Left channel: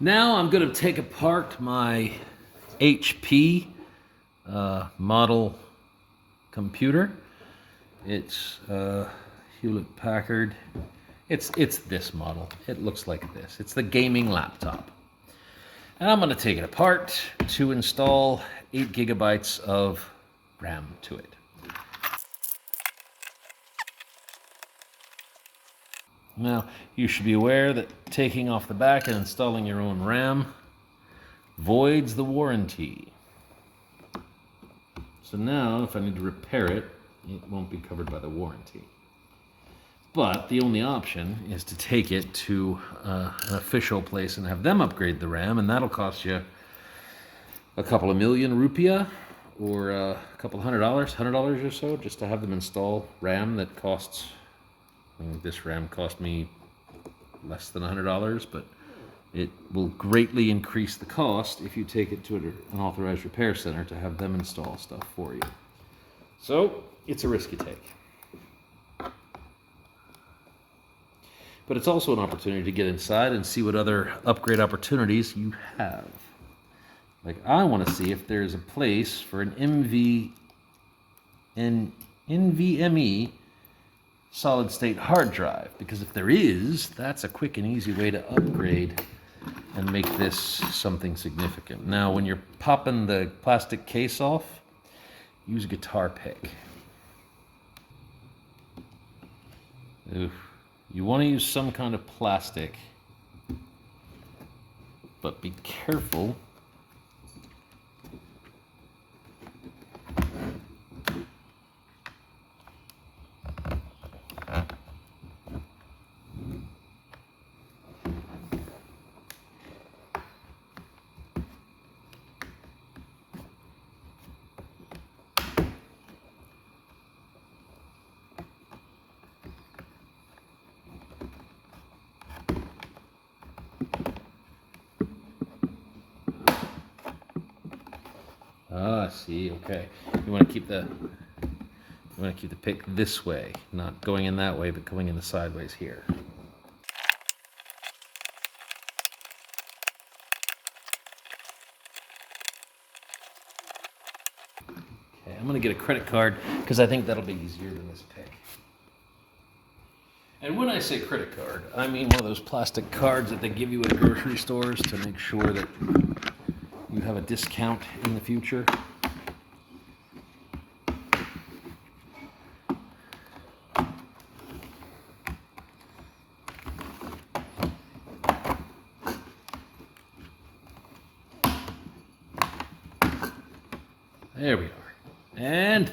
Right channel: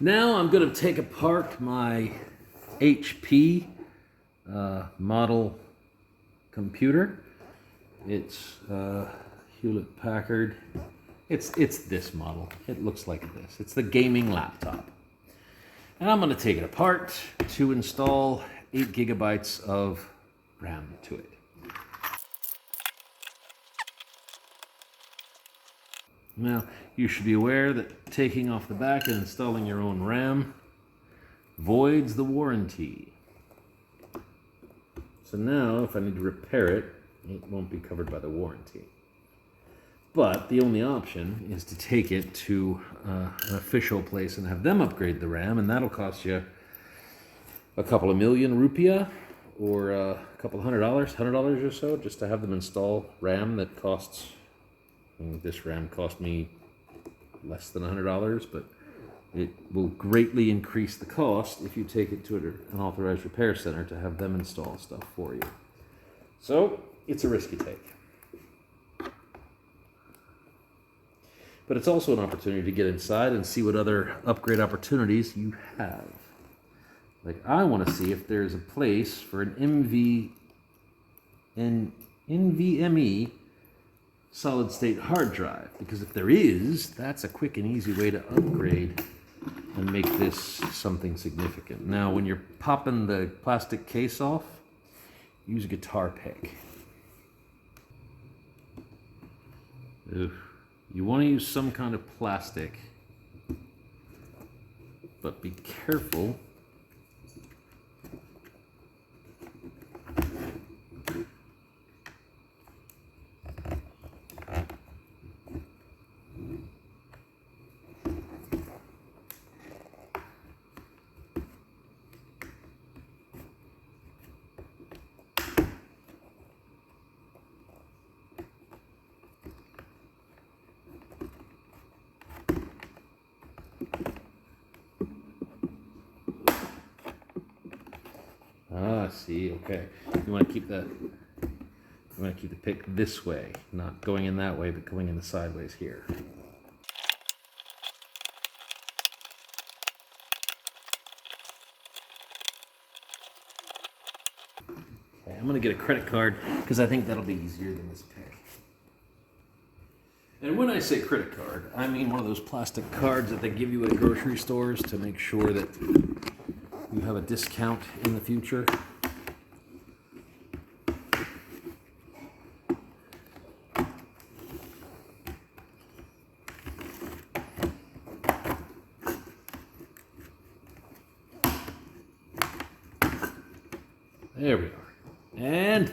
Now I'm going to take apart my HP model computer. It's Hewlett Packard. It's this model. It looks like this. It's the gaming laptop. And I'm going to take it apart to install 8 gigabytes of RAM to it. Now, you should be aware that taking off the back and installing your own RAM voids the warranty. So now, if I need to repair it, it won't be covered by the warranty. But the only option is to take it to an official place and have them upgrade the RAM, and that'll cost you a couple of million rupiah, or a couple $100 or so, just to have them install RAM that costs. This RAM cost me less than $100, but it will greatly increase the cost if you take it to an authorized repair center to have them install stuff for you. So it's a risk you take. But it's also an opportunity to get inside and see what other upgrade opportunities you have. Like, I want to see if there's a place for an NVMe solid-state hard drive, because if there is, that's a quick and easy way to upgrade and make this something significant. Now, when you're popping the plastic case off, use a guitar pick. You want to use some kind of plastic, but be careful. See, okay. You want to keep the pick this way, not going in that way, but going in the sideways here. Okay, I'm going to get a credit card because I think that'll be easier than this pick. And when I say credit card, I mean one of those plastic cards that they give you at grocery stores to make sure that you have a discount in the future. There we are. And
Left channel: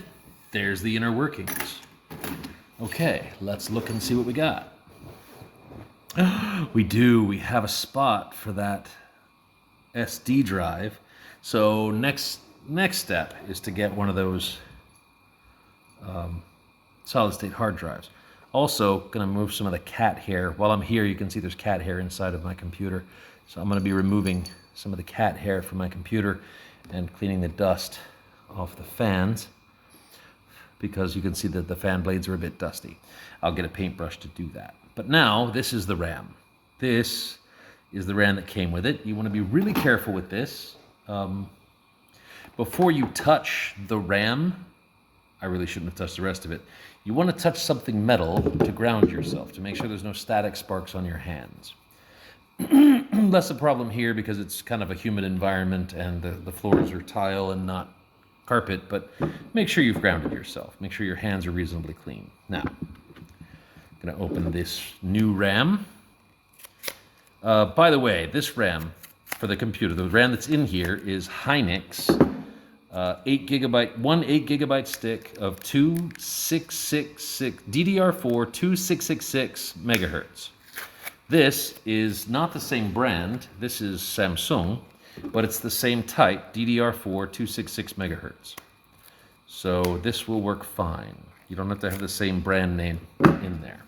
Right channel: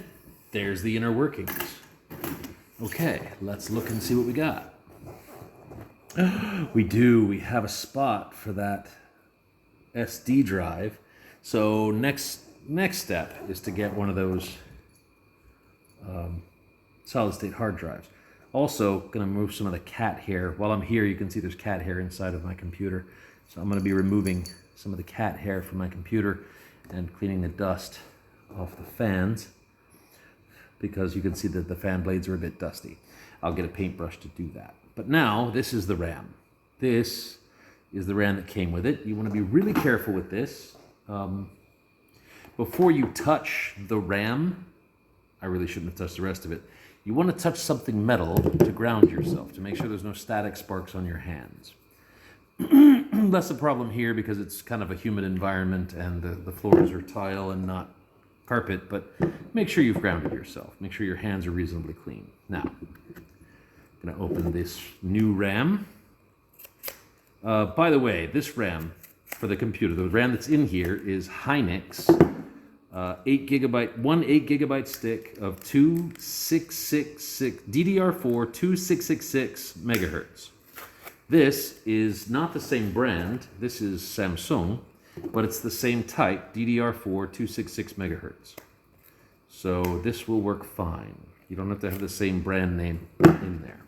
there's the inner workings. Okay, let's look and see what we got. We do. We have a spot for that SD drive. So next step is to get one of those solid-state hard drives. Also, going to move some of the cat hair. While I'm here, you can see there's cat hair inside of my computer. So I'm going to be removing some of the cat hair from my computer and cleaning the dust off the fans, because you can see that the fan blades are a bit dusty. I'll get a paintbrush to do that. But now, this is the RAM. This is the RAM that came with it. You want to be really careful with this. Before you touch the RAM, I really shouldn't have touched the rest of it. You want to touch something metal to ground yourself, to make sure there's no static sparks on your hands. Less a problem here because it's kind of a humid environment and the floors are tile and not carpet, but make sure you've grounded yourself. Make sure your hands are reasonably clean. Now, I'm going to open this new RAM. By the way, this RAM for the computer, the RAM that's in here is Hynix 8 gigabyte stick of 2666 DDR4 2666 megahertz. This is not the same brand. This is Samsung, but it's the same type, DDR4 266 megahertz. So this will work fine. You don't have to have the same brand name in there,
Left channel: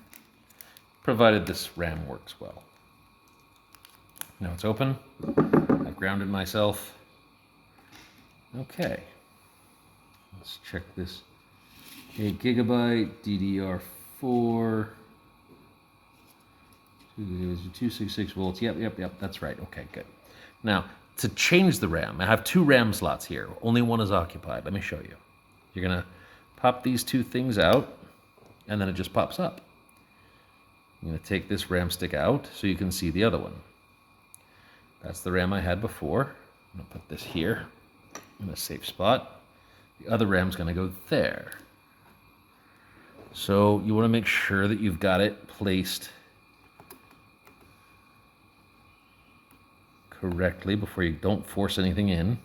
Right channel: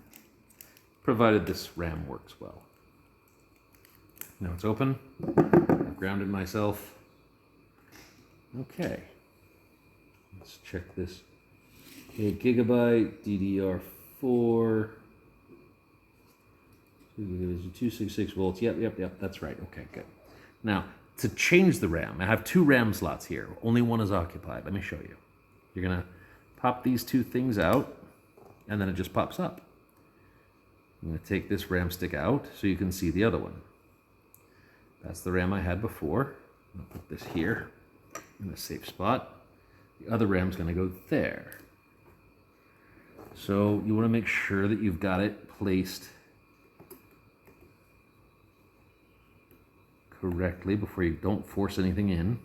provided this RAM works well. Now it's open. I've grounded myself. Okay. Let's check this. 8 gigabyte, DDR4. 266 volts. Yep. That's right. Okay, good. Now, to change the RAM, I have 2 RAM slots here. Only one is occupied. Let me show you. You're going to pop these 2 things out, and then it just pops up. I'm going to take this RAM stick out so you can see the other one. That's the RAM I had before. I'm going to put this here in a safe spot. The other RAM's going to go there. So you want to make sure that you've got it placed correctly before you don't force anything in.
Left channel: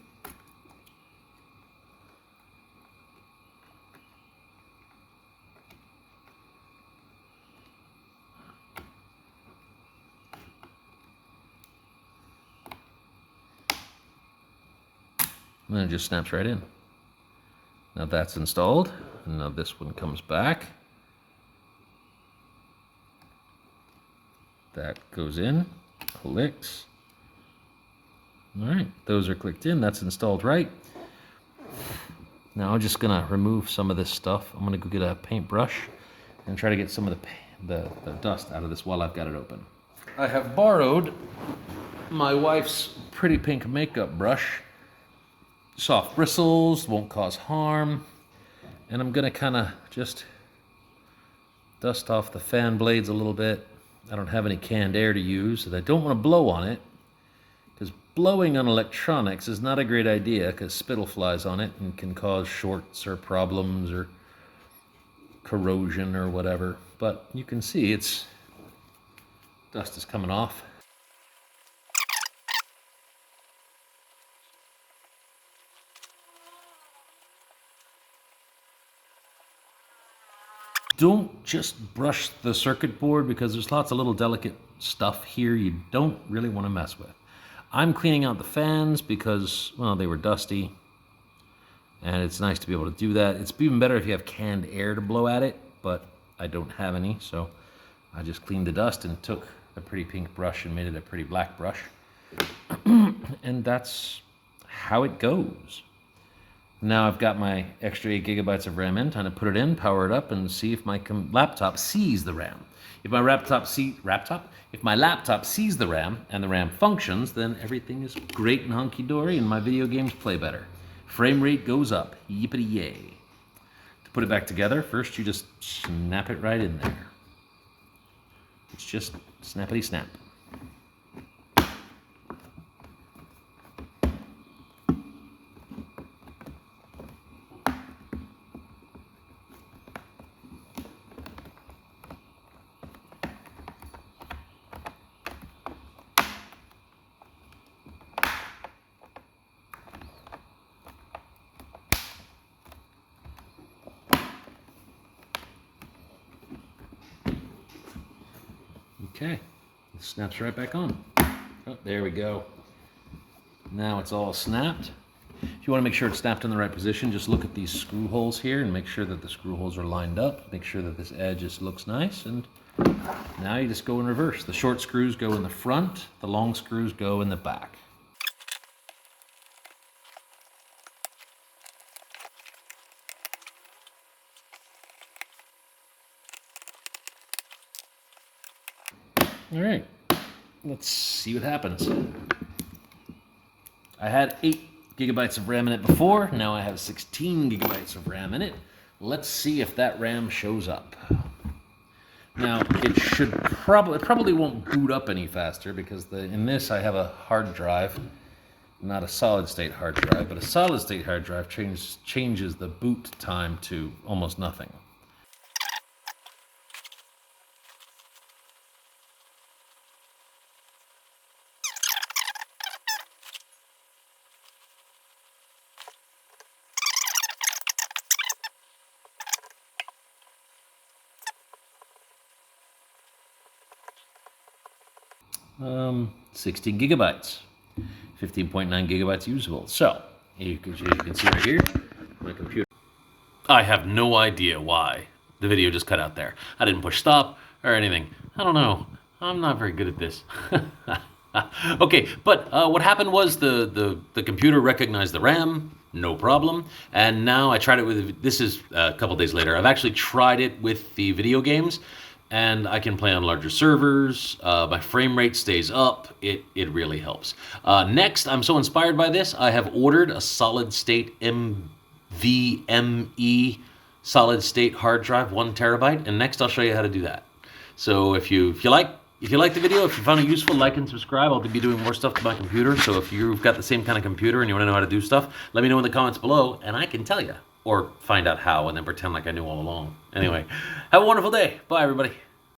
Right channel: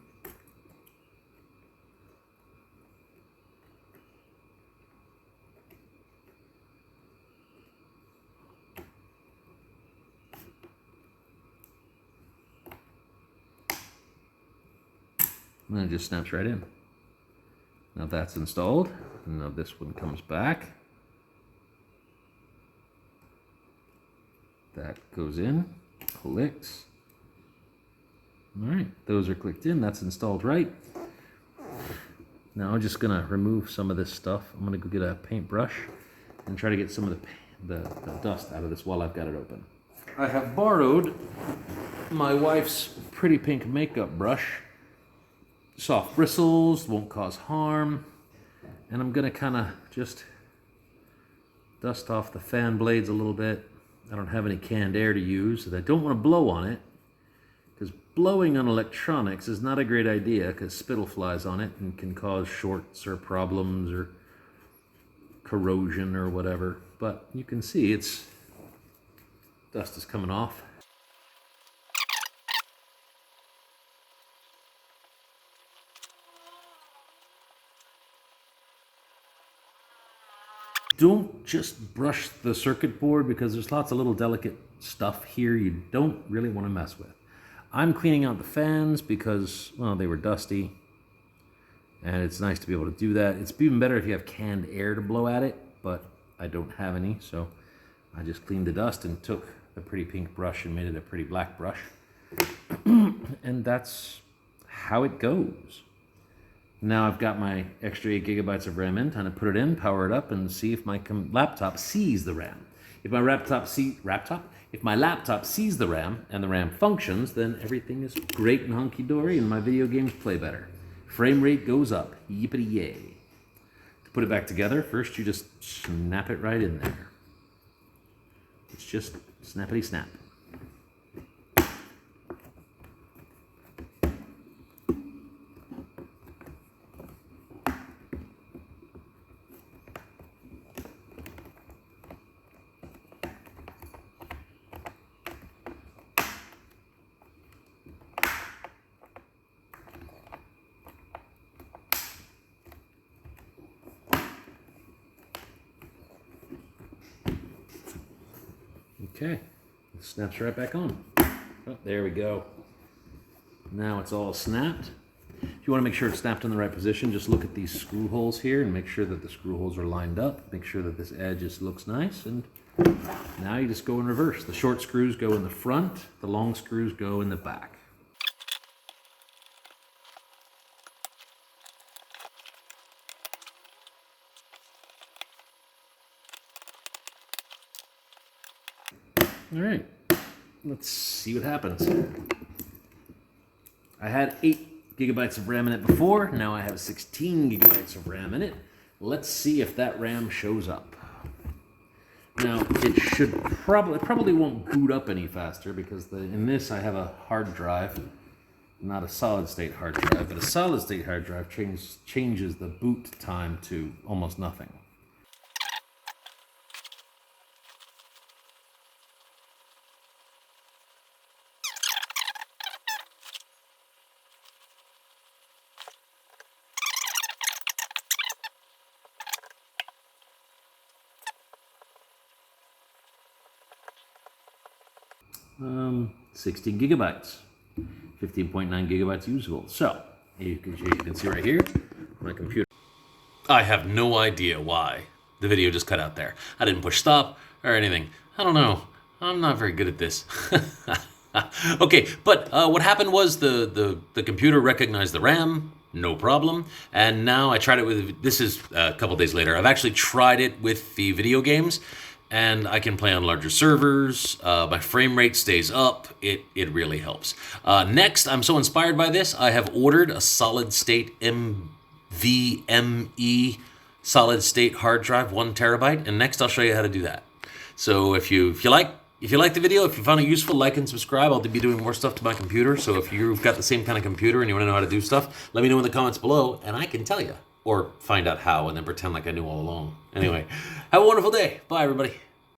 And then it just snaps right in. Now that's installed. Now this one comes back. That goes in, clicks. All right, those are clicked in. That's installed right. Now I'm just gonna remove some of this stuff. I'm gonna go get a paintbrush and try to get some of the dust out of this while I've got it open. I have borrowed my wife's pretty pink makeup brush. Soft bristles, won't cause harm. And I'm gonna kind of just dust off the fan blades a little bit. I don't have any canned air to use, and I don't want to blow on it, because blowing on electronics is not a great idea, because spittle flies on it and can cause shorts or problems or corrosion or whatever. But you can see dust is coming off. Don't just brush the circuit board, because there's lots of little delicate stuff here you don't really want to mess with. I'm cleaning out the fans because, well, they were dusty, and it's nice to be able to do that. It's even better if you have canned air to blow at it, but I don't have any, so I just cleaned the dust and took a pretty pink brush and made it a pretty black brush. And that's how it goes. Now I've got my extra 8 gigabytes of RAM in. Time to put it in, power it up, and see if my laptop sees the RAM. If my laptop sees the RAM and the RAM functions, then everything is great and hunky-dory, and my video games play better. Frame rate goes up. Yippity-yay. To put it back together, first you just snap it right in there. It's just snappity-snap. Okay, it snaps right back on. Oh, there we go. Now it's all snapped. If you want to make sure it's snapped in the right position, just look at these screw holes here and make sure that the screw holes are lined up. Make sure that this edge just looks nice, and now you just go in reverse. The short screws go in the front, the long screws go in the back. All right, let's see what happens. I had 8 gigabytes of RAM in it before. Now I have 16 gigabytes of RAM in it. Let's see if that RAM shows up. Now, it probably won't boot up any faster, because in this I have a hard drive, not a solid state hard drive, but a solid state hard drive changes the boot time to almost nothing. Um, 16 gigabytes, 15.9 gigabytes usable. So, as you can see right here, my computer. I have no idea why the video just cut out there. I didn't push stop or anything. I don't know. I'm not very good at this. Okay, but what happened was the computer recognized the RAM, no problem. And now I tried it with, this is a couple days later. I've actually tried it with the video games, and I can play on larger servers. My frame rate stays up. It really helps. Next, I'm so inspired by this, I have ordered a solid state NVMe solid state hard drive, 1 terabyte, and next I'll show you how to do that. So if you like the video, if you found it useful, like and subscribe. I'll be doing more stuff to my computer. So if you've got the same kind of computer and you want to know how to do stuff, let me know in the comments below, and I can tell you, or find out how and then pretend like I knew all along. Anyway, have a wonderful day. Bye, everybody.